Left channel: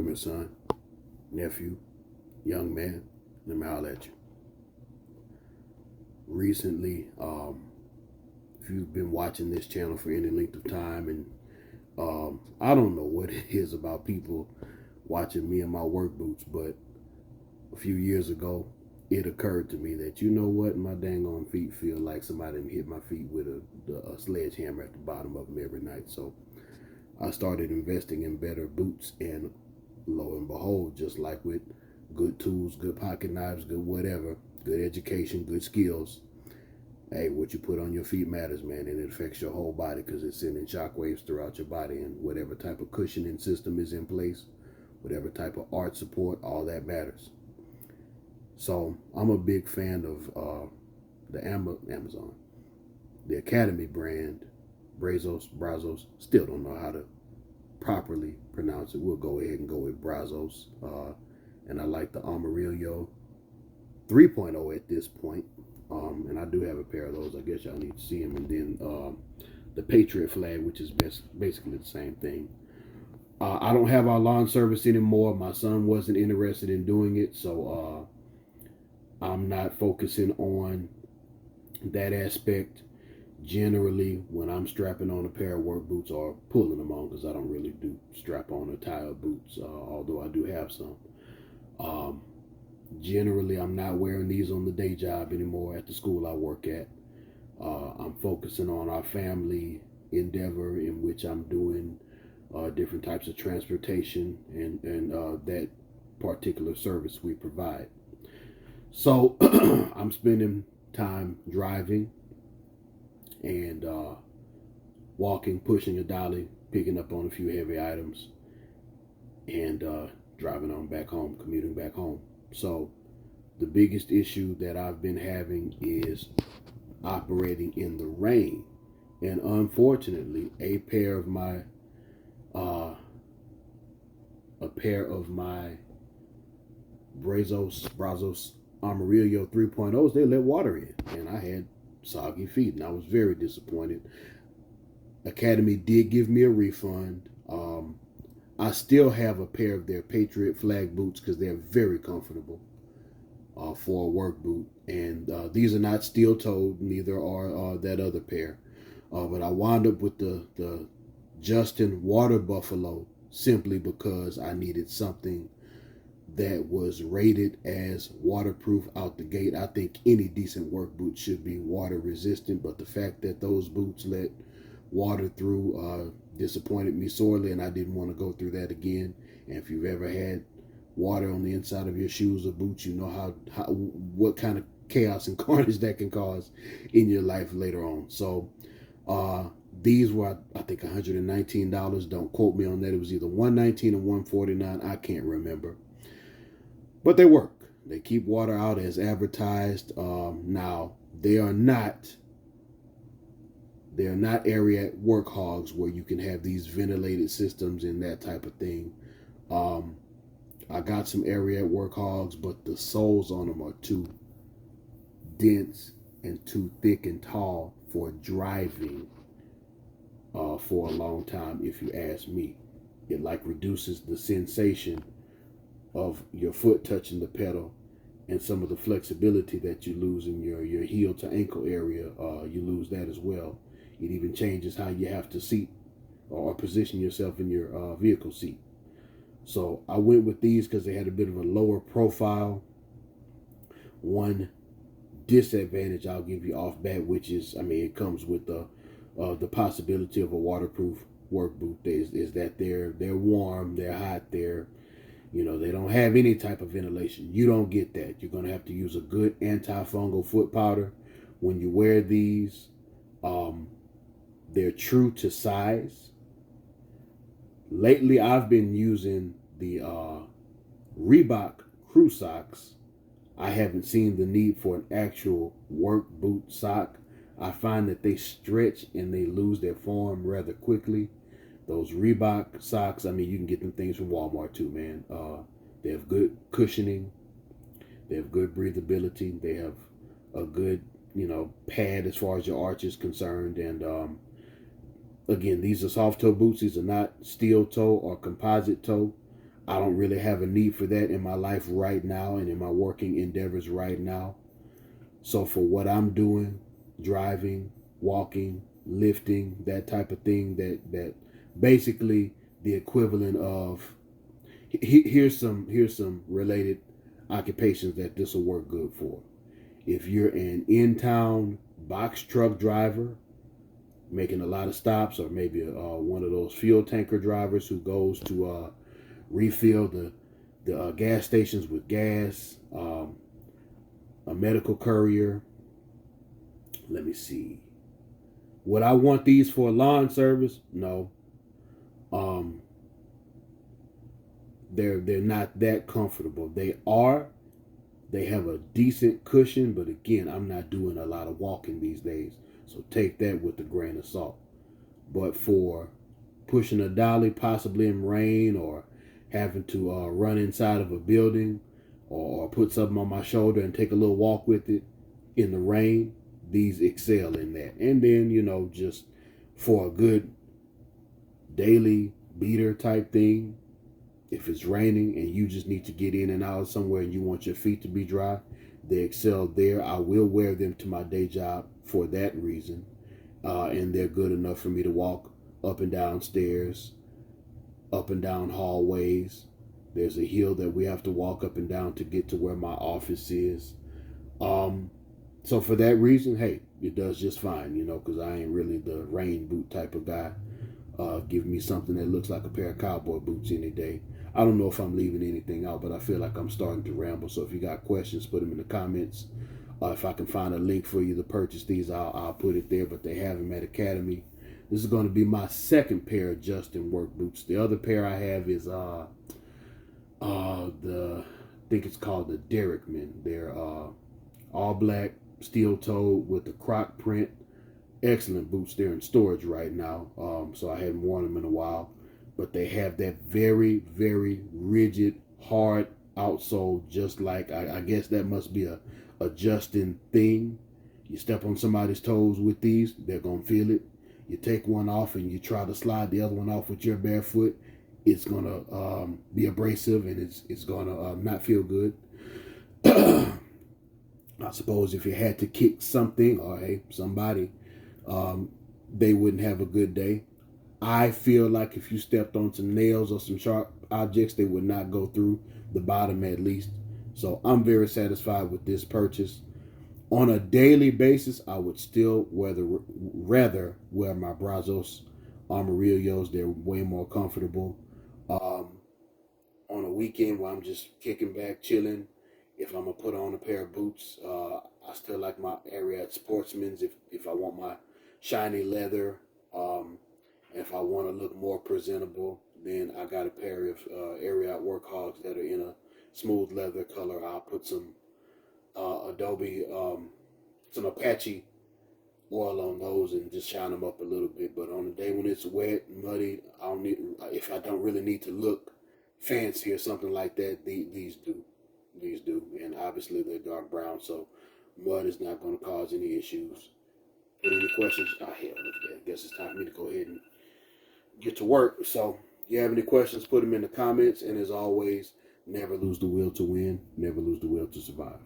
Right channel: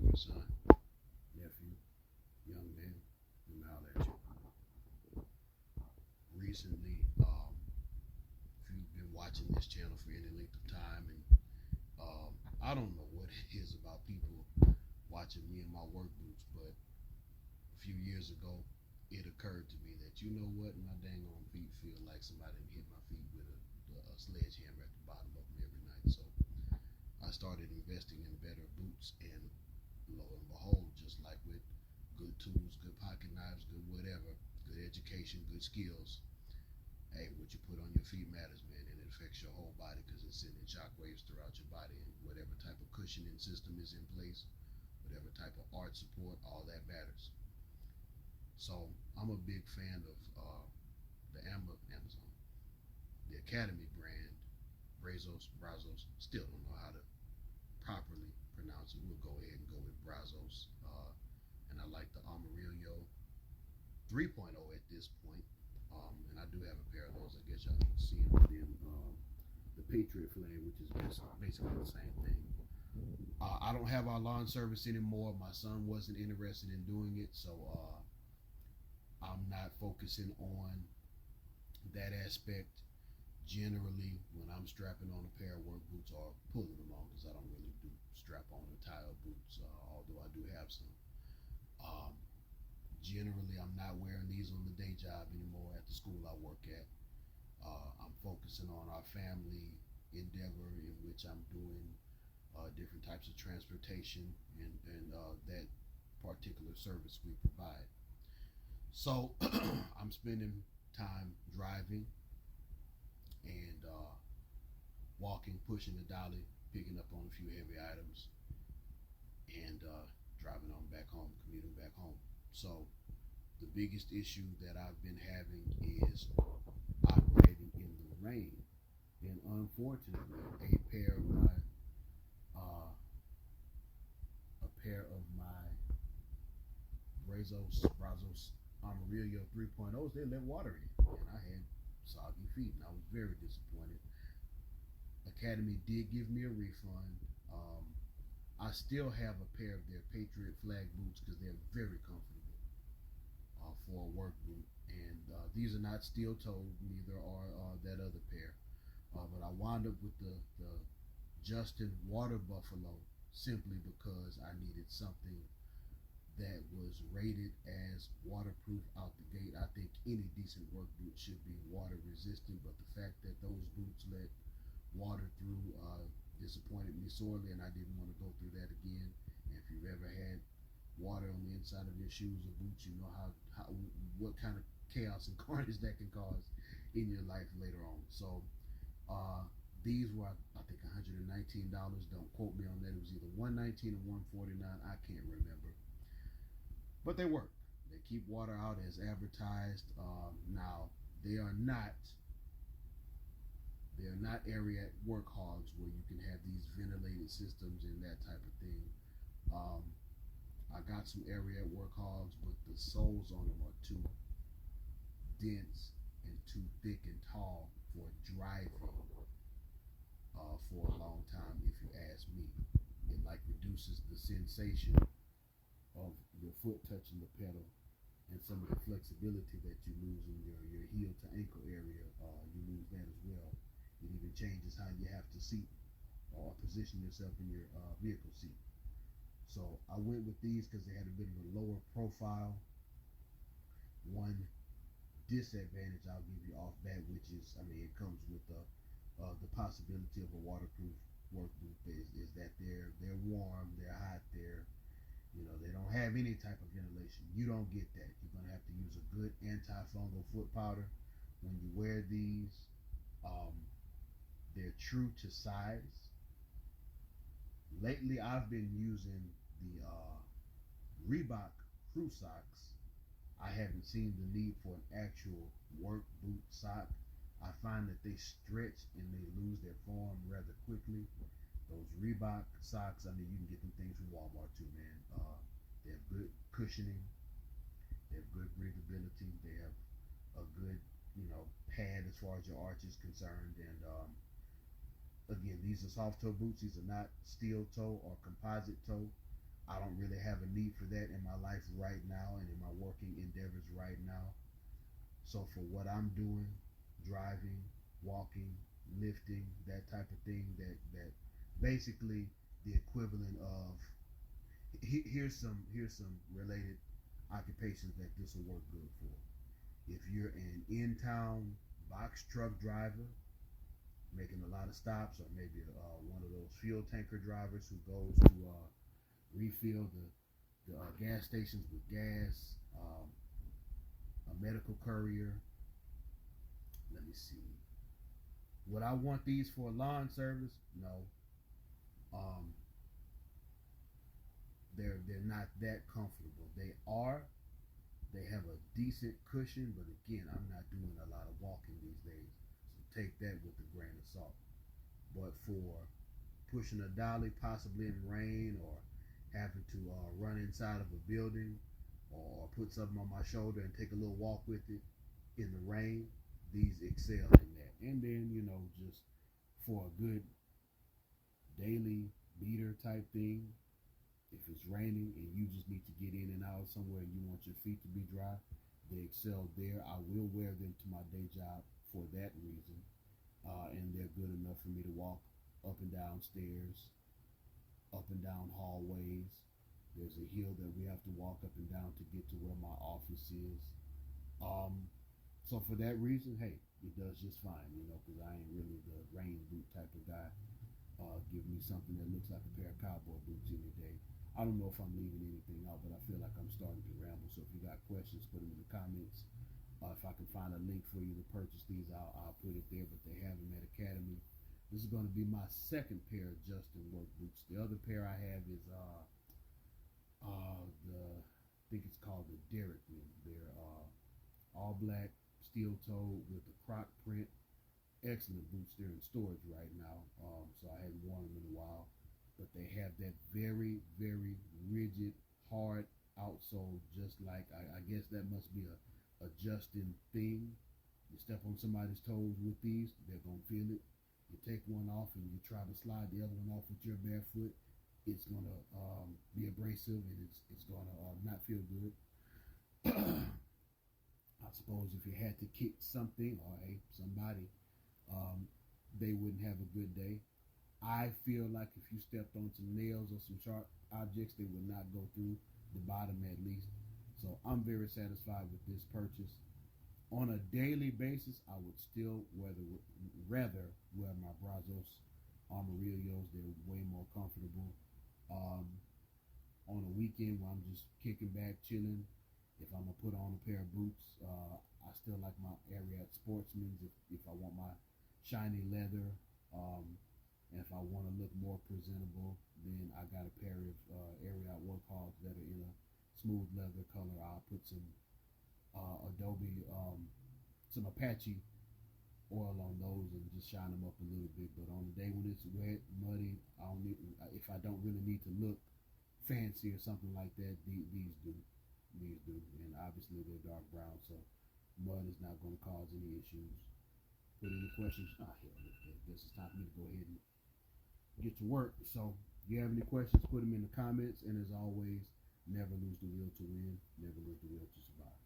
Come here, son, nephew, young man. Let me holler at you. Recently, if you've been watching this channel for any length of time, and I don't know what it is about people watching me and my work boots, but a few years ago, it occurred to me that you know what, my dang on feet feel like somebody hit my feet with a sledgehammer at the bottom of them every night. So I started investing in better boots, and lo and behold, just like with good tools, good pocket knives, good whatever, good education, good skills, hey, what you put on your feet matters, man, and it affects your whole body because it's sending shockwaves throughout your body, and whatever type of cushioning system is in place, whatever type of art support, all that matters. So I'm a big fan of the Amazon, the Academy brand, Brazos. Still don't know how to properly pronounce it. We'll go ahead and go with Brazos. And I like the Amarillo 3.0 at this point. And I do have a pair of those. I guess y'all need to see them. And then the Patriot flag, which is basically the same thing. I don't have our lawn service anymore. My son wasn't interested in doing it, so I'm not focusing on that aspect. Generally, when I'm strapping on a pair of work boots or pulling them on, because I don't really do strap on or tie up boots, although I do have some. Generally, I'm not wearing these on the day job anymore at the school I work at. I'm focusing on our family endeavor, in which I'm doing different types of transportation and that particular service we provide. So I'm spending time driving and walking, pushing a dolly, picking up on a few heavy items, and driving on back home, commuting back home. So the biggest issue that I've been having is operating in the rain. And unfortunately, a pair of my Brazos Amarillo 3.0s, they let water in, and I had soggy feet, and I was very disappointed. Academy did give me a refund. I still have a pair of their Patriot flag boots because they're very comfortable for a work boot, and these are not steel-toed, neither are that other pair. But I wound up with the Justin Water Buffalo simply because I needed something that was rated as waterproof out the gate. I think any decent work boot should be water resistant, but the fact that those boots let water through disappointed me sorely, and I didn't want to go through that again. And if you've ever had water on the inside of your shoes or boots, you know what kind of chaos and carnage that can cause in your life later on. So these were, I think, $119. Don't quote me on that. It was either $119 or $149. I can't remember. But they work. They keep water out as advertised. Now, they are not area work hogs where you can have these ventilated systems and that type of thing. I got some area work hogs, but the soles on them are too dense and too thick and tall for driving for a long time, if you ask me. It like reduces the sensation of your foot touching the pedal, and some of the flexibility that you lose in your heel to ankle area, you lose that as well. It even changes how you have to seat or position yourself in your vehicle seat. So I went with these because they had a bit of a lower profile. One disadvantage I'll give you off bat, which is, it comes with the possibility of a waterproof work boot, is that they're warm, they're hot, they don't have any type of ventilation. You don't get that. You're going to have to use a good antifungal foot powder when you wear these. They're true to size. Lately, I've been using the Reebok Crew socks. I haven't seen the need for an actual work boot sock. I find that they stretch and they lose their form rather quickly. Those Reebok socks, you can get them things from Walmart too, man. They have good cushioning. They have good breathability. They have a good, pad as far as your arch is concerned. And again, these are soft toe boots. These are not steel toe or composite toe. I don't really have a need for that in my life right now and in my working endeavors right now. So for what I'm doing, driving, walking, lifting, that type of thing, that basically the equivalent of here's some related occupations that this will work good for. If you're an in-town box truck driver making a lot of stops, or maybe one of those fuel tanker drivers who goes to refill the gas stations with gas, a medical courier. Let me see. Would I want these for a lawn service? No. Um, they're not that comfortable. They have a decent cushion, but again, I'm not doing a lot of walking these days, so take that with a grain of salt. But for pushing a dolly, possibly in rain, or having to run inside of a building, or put something on my shoulder and take a little walk with it in the rain, these excel in that. And then, just for a good daily beater type thing, if it's raining and you just need to get in and out somewhere and you want your feet to be dry, they excel there. I will wear them to my day job for that reason. And they're good enough for me to walk up and down stairs, up and down hallways. There's a hill that we have to walk up and down to get to where my office is. So for that reason, hey, it does just fine, because I ain't really the rain boot type of guy. Give me something that looks like a pair of cowboy boots any day. I don't know if I'm leaving anything out, but I feel like I'm starting to ramble. So if you got questions, put them in the comments. If I can find a link for you to purchase these, I'll put it there. But they have them at Academy. This is going to be my second pair of Justin work boots. The other pair I have is I think it's called the Derrickman. They're all black, steel toed with the croc print. Excellent boots. They're in storage right now, so I hadn't worn them in a while. But they have that very, very rigid, hard outsole, just like I guess that must be a Justin thing. You step on somebody's toes with these, they're gonna feel it. You take one off and you try to slide the other one off with your bare foot, it's gonna be abrasive, and it's gonna not feel good. I suppose if you had to kick something or somebody, they wouldn't have a good day. I feel like if you stepped on some nails or some sharp objects, they would not go through the bottom at least. So I'm very satisfied with this purchase. On a daily basis, I would still rather wear my Brazos Armadillos. They're way more comfortable. On a weekend where I'm just kicking back, chilling, if I'm gonna put on a pair of boots, I still like my Ariat Sportsman's if I want my shiny leather. If I want to look more presentable, then I got a pair of Ariat Workhogs that are in a smooth leather color. I'll put some some Apache oil on those and just shine them up a little bit. But on the day when it's wet, muddy, if I don't really need to look fancy or something like that, these do. These do. And obviously they're dark brown, so mud is not going to cause any issues. But any questions? Hell, look at that. I guess it's time for me to go ahead and get to work. So if you have any questions, put them in the comments. And as always, never lose the will to win, never lose the will to survive.